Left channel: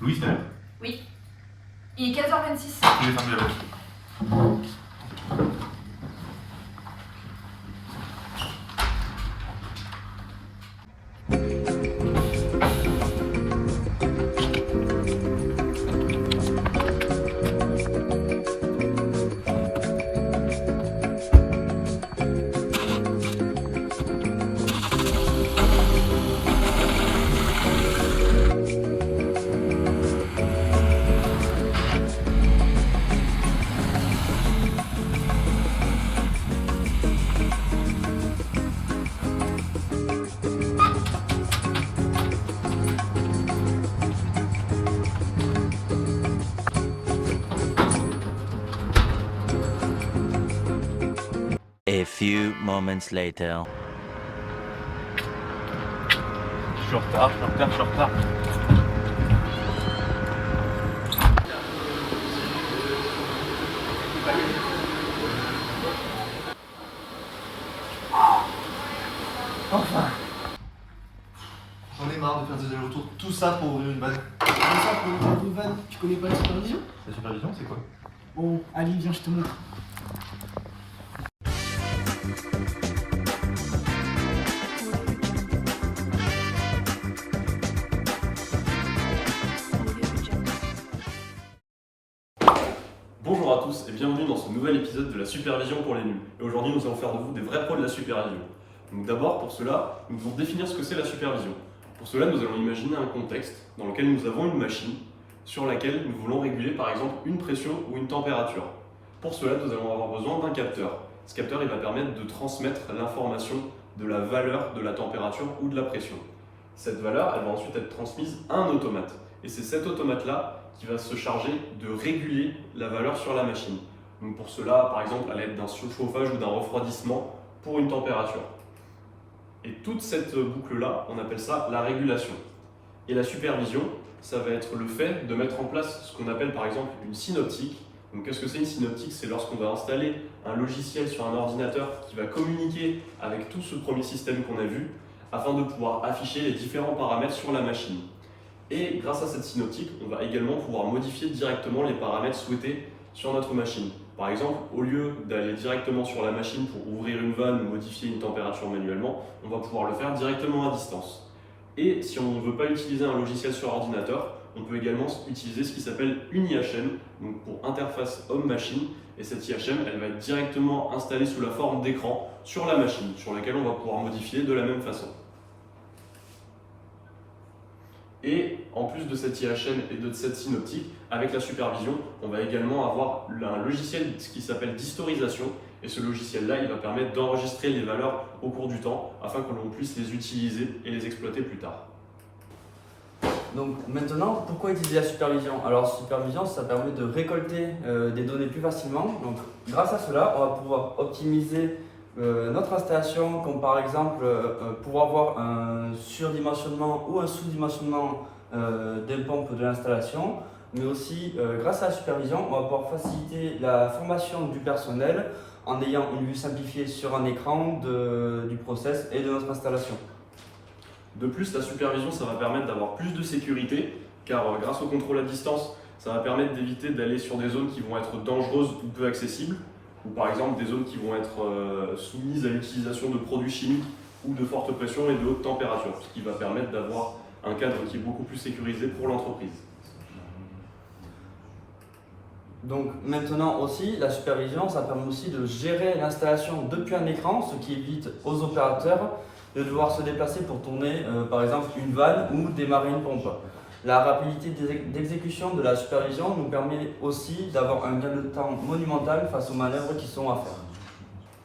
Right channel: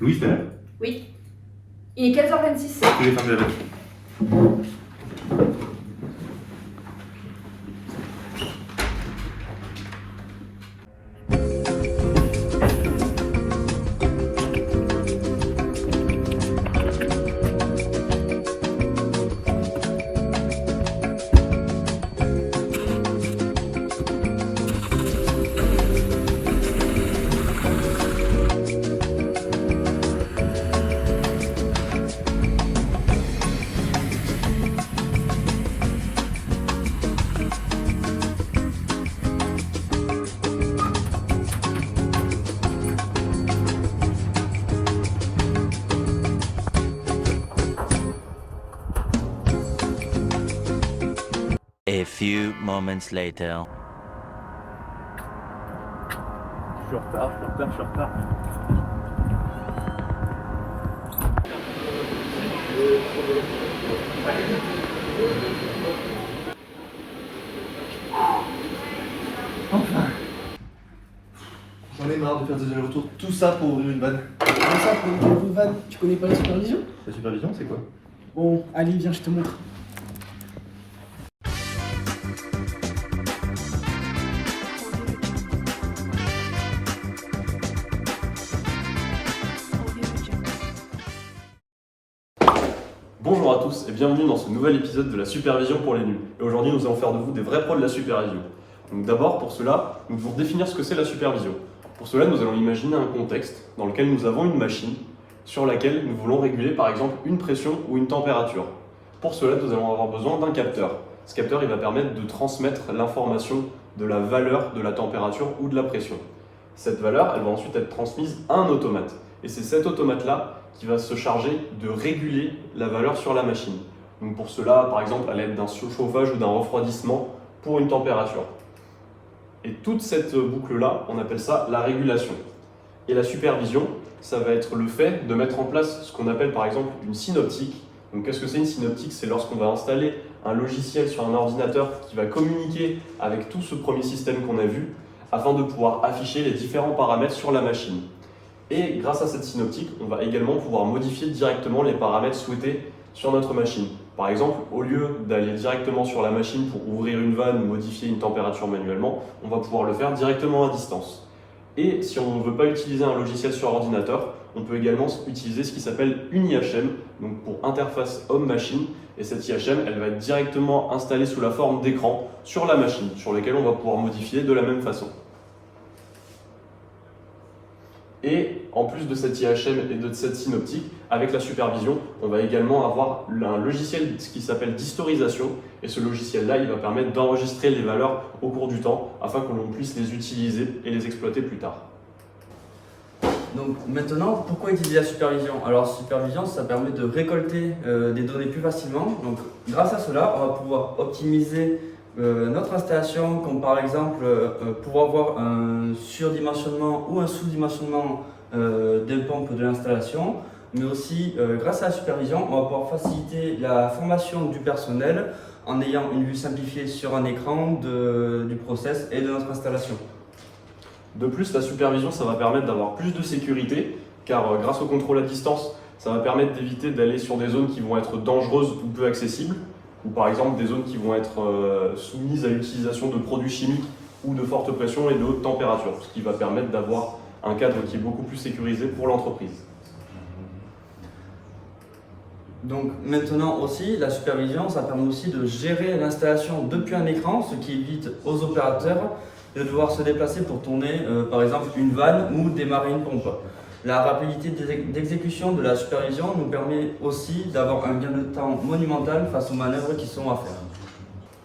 Louise, t'es là? Oui. Il est 15h26. Il est fermé la machine. A few moments later. Je suis en retard, je suis en retard. Enfin. J'en ai marre de faire des allers-retours, tout ça pour ouvrir une vanne. Comme ça, pour ouvrir une vanne, tu connais pas la supervision? La supervision, c'est quoi? Bon, allez, viens, je te montre. Bonjour à tous et bienvenue dans ce nouvel épisode de la supervision pour les nuls. Et aujourd'hui, nous allons faire de vous des vrais pros de la supervision. Donc d'abord, pour cela, nous devons définir ce que c'est la supervision. Pour cela, nous allons imaginer un contexte dans lequel nous avons une machine sur laquelle nous voulons réguler par exemple une pression ou une température. Pour cela, nous allons avoir besoin d'un capteur. Ce capteur, il va permettre de transmettre l'information de la valeur de la température ou de la pression. Cette valeur, elle va ensuite être transmise à un automate. Et c'est cet automate-là qui va se charger de réguler la valeur sur la machine. Donc pour cela, par exemple, à l'aide d'un surchauffage ou d'un refroidissement pour une température. Et toute cette boucle-là, on appelle ça la régulation. Et la supervision, ça va être le fait de mettre en place ce qu'on appelle par exemple une synoptique. Donc qu'est-ce que c'est une synoptique? C'est lorsqu'on va installer un logiciel sur un ordinateur qui va communiquer avec tout ce premier système qu'on a vu afin de pouvoir afficher les différents paramètres sur la machine. Et grâce à cette synoptique, on va également pouvoir modifier directement les paramètres souhaités sur notre machine. Par exemple, au lieu d'aller directement sur la machine pour ouvrir une vanne ou modifier une température manuellement, on va pouvoir le faire directement à distance. Et si on ne veut pas utiliser un logiciel sur ordinateur, on peut également utiliser ce qui s'appelle une IHM, donc pour interface homme-machine. Et cette IHM, elle va être directement installée sous la forme d'écran sur la machine, sur laquelle on va pouvoir modifier de la même façon. Et en plus de cette IHM et de cette synoptique, avec la supervision, on va également avoir un logiciel qui s'appelle d'historisation. Et ce logiciel-là, il va permettre d'enregistrer les valeurs au cours du temps afin que l'on puisse les utiliser et les exploiter plus tard. Donc maintenant, pourquoi utiliser la supervision? Alors la supervision, ça permet de récolter des données plus facilement. Donc grâce à cela, on va pouvoir optimiser notre installation, comme par exemple pouvoir avoir un surdimensionnement ou un sous-dimensionnement des pompes de l'installation. Mais aussi, grâce à la supervision, on va pouvoir faciliter la formation du personnel en ayant une vue simplifiée sur un écran du process et de notre installation. De plus, la supervision, ça va permettre d'avoir plus de sécurité, car grâce au contrôle à distance, ça va permettre d'éviter d'aller sur des zones qui vont être dangereuses ou peu accessibles, ou par exemple des zones qui vont être soumises à l'utilisation de produits chimiques ou de forte pression et de haute température, ce qui va permettre d'avoir un cadre qui est beaucoup plus sécurisé pour l'entreprise. Donc maintenant aussi, la supervision, ça permet aussi de gérer l'installation depuis un écran, ce qui évite aux opérateurs de devoir se déplacer pour tourner par exemple une vanne ou démarrer une pompe. La rapidité d'exécution de la supervision nous permet aussi d'avoir un gain de temps monumental face aux manœuvres qui sont à faire.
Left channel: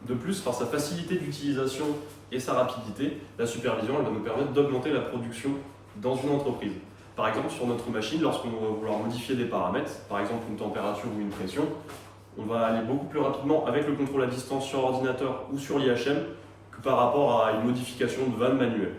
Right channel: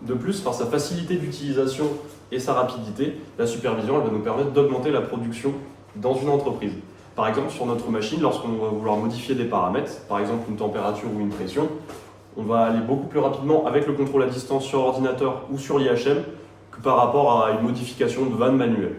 De plus, par sa facilité d'utilisation et sa rapidité, la supervision elle va nous permettre d'augmenter la production dans une entreprise. Par exemple, sur notre machine, lorsqu'on va vouloir modifier des paramètres, par exemple une température ou une pression, on va aller beaucoup plus rapidement avec le contrôle à distance sur ordinateur ou sur l'IHM que par rapport à une modification de vanne manuelle.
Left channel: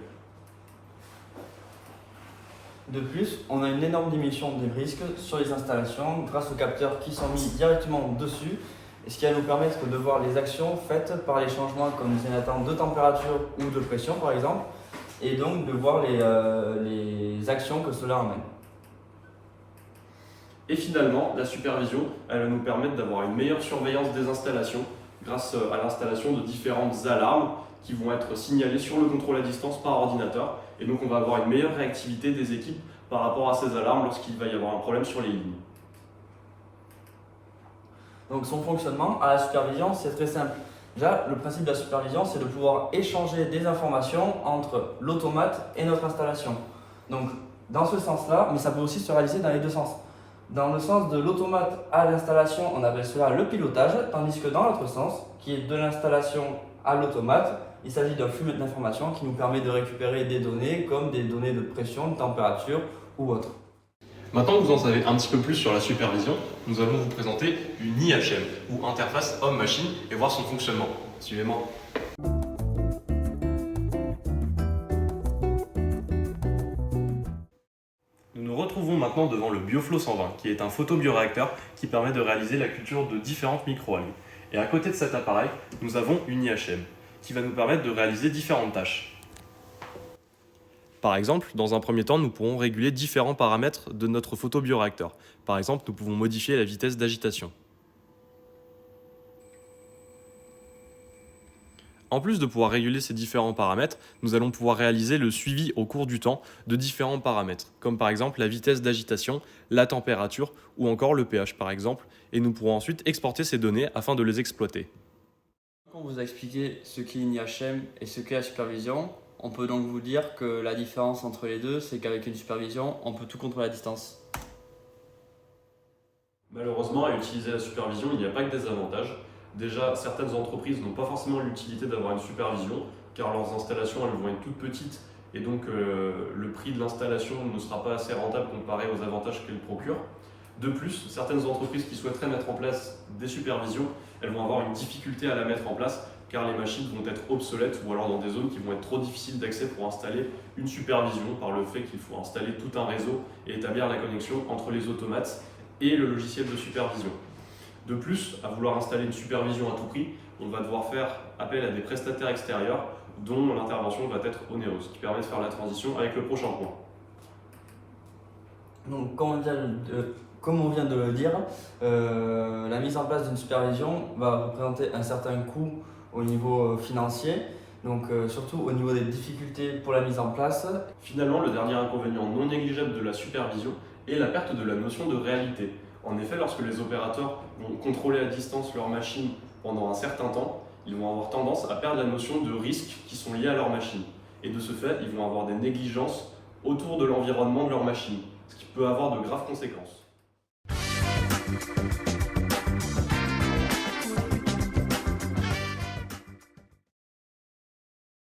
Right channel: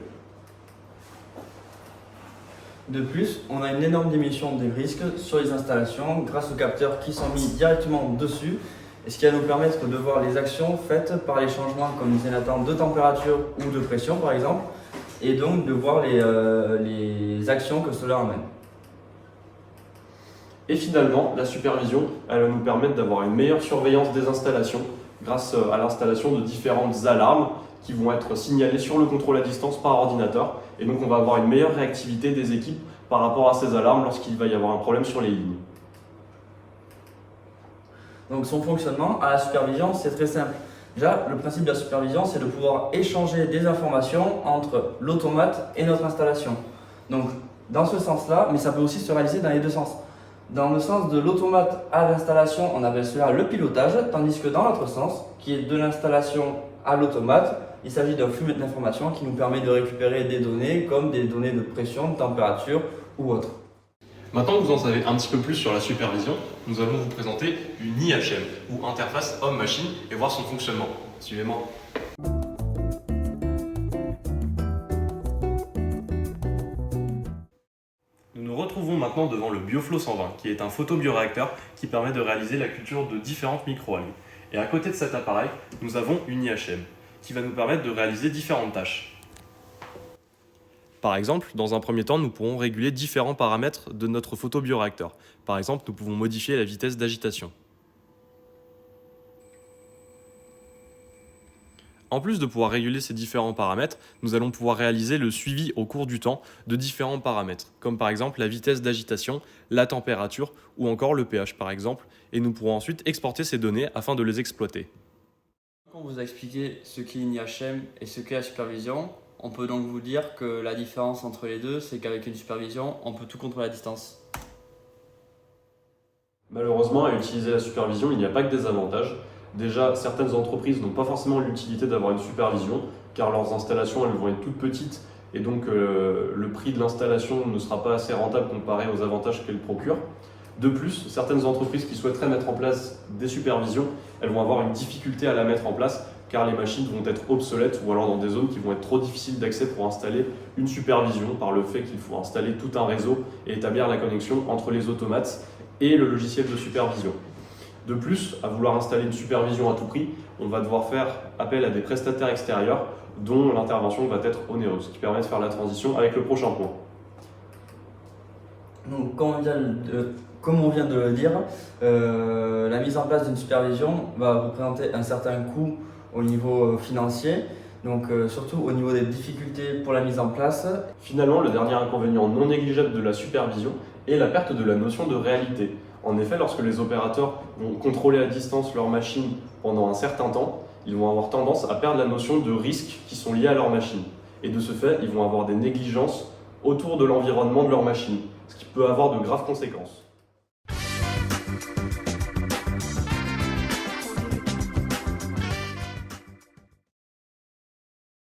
De plus, on a une énorme diminution des risques sur les installations grâce aux capteurs qui sont mis directement dessus, et ce qui va nous permettre de voir les actions faites par les changements comme les indicateurs de température ou de pression par exemple, et donc de voir les actions que cela amène. Et finalement, la supervision, elle va nous permettre d'avoir une meilleure surveillance des installations grâce à l'installation de différentes alarmes qui vont être signalées sur le contrôle à distance par ordinateur. Et donc on va avoir une meilleure réactivité des équipes par rapport à ces alarmes lorsqu'il va y avoir un problème sur les lignes. Donc son fonctionnement à la supervision, c'est très simple. Déjà, le principe de la supervision, c'est de pouvoir échanger des informations entre l'automate et notre installation. Donc dans ce sens-là, mais ça peut aussi se réaliser dans les deux sens. Dans le sens de l'automate à l'installation, on appelle cela le pilotage, tandis que dans l'autre sens, qui est de l'installation à l'automate, il s'agit d'un flux d'informations qui nous permet de récupérer des données comme des données de pression, de température ou autre. Maintenant que vous en savez un petit peu plus sur la supervision, nous allons vous présenter une IHM, ou interface homme-machine, et voir son fonctionnement. Suivez-moi. Nous nous retrouvons maintenant devant le BioFlow 120, qui est un photobioréacteur qui permet de réaliser la culture de différentes microalgues. Et à côté de cet appareil, nous avons une IHM, qui va nous permettre de réaliser différentes tâches. Par exemple, dans un premier temps, nous pourrons réguler différents paramètres de notre photobioréacteur. Par exemple, nous pouvons modifier la vitesse d'agitation. En plus de pouvoir réguler ces différents paramètres, nous allons pouvoir réaliser le suivi au cours du temps de différents paramètres, comme par exemple la vitesse d'agitation, la température ou encore le pH par exemple, et nous pourrons ensuite exporter ces données afin de les exploiter. Quand on vous a expliqué ce qu'est une IHM et ce qu'est la supervision, on peut donc vous dire que la différence entre les deux, c'est qu'avec une supervision, on peut tout contrôler à distance. Malheureusement, à utiliser la supervision, il n'y a pas que des avantages. Déjà, certaines entreprises n'ont pas forcément l'utilité d'avoir une supervision, car leurs installations elles vont être toutes petites, et donc le prix de l'installation ne sera pas assez rentable comparé aux avantages qu'elle procure. De plus, certaines entreprises qui souhaiteraient mettre en place des supervisions, elles vont avoir une difficulté à la mettre en place, car les machines vont être obsolètes ou alors dans des zones qui vont être trop difficiles d'accès pour installer une supervision par le fait qu'il faut installer tout un réseau et établir la connexion entre les automates et le logiciel de supervision. De plus, à vouloir installer une supervision à tout prix, on va devoir faire appel à des prestataires extérieurs dont l'intervention va être onéreuse, ce qui permet de faire la transition avec le prochain point. Donc, comme on vient de le dire, la mise en place d'une supervision va représenter un certain coût au niveau financier, donc surtout au niveau des difficultés pour la mise en place. Finalement, le dernier inconvénient non négligeable de la supervision est la perte de la notion de réalité. En effet, lorsque les opérateurs vont contrôler à distance leur machine pendant un certain temps, ils vont avoir tendance à perdre la notion de risques qui sont liés à leur machine. Et de ce fait, ils vont avoir des négligences autour de l'environnement de leur machine, ce qui peut avoir de graves conséquences.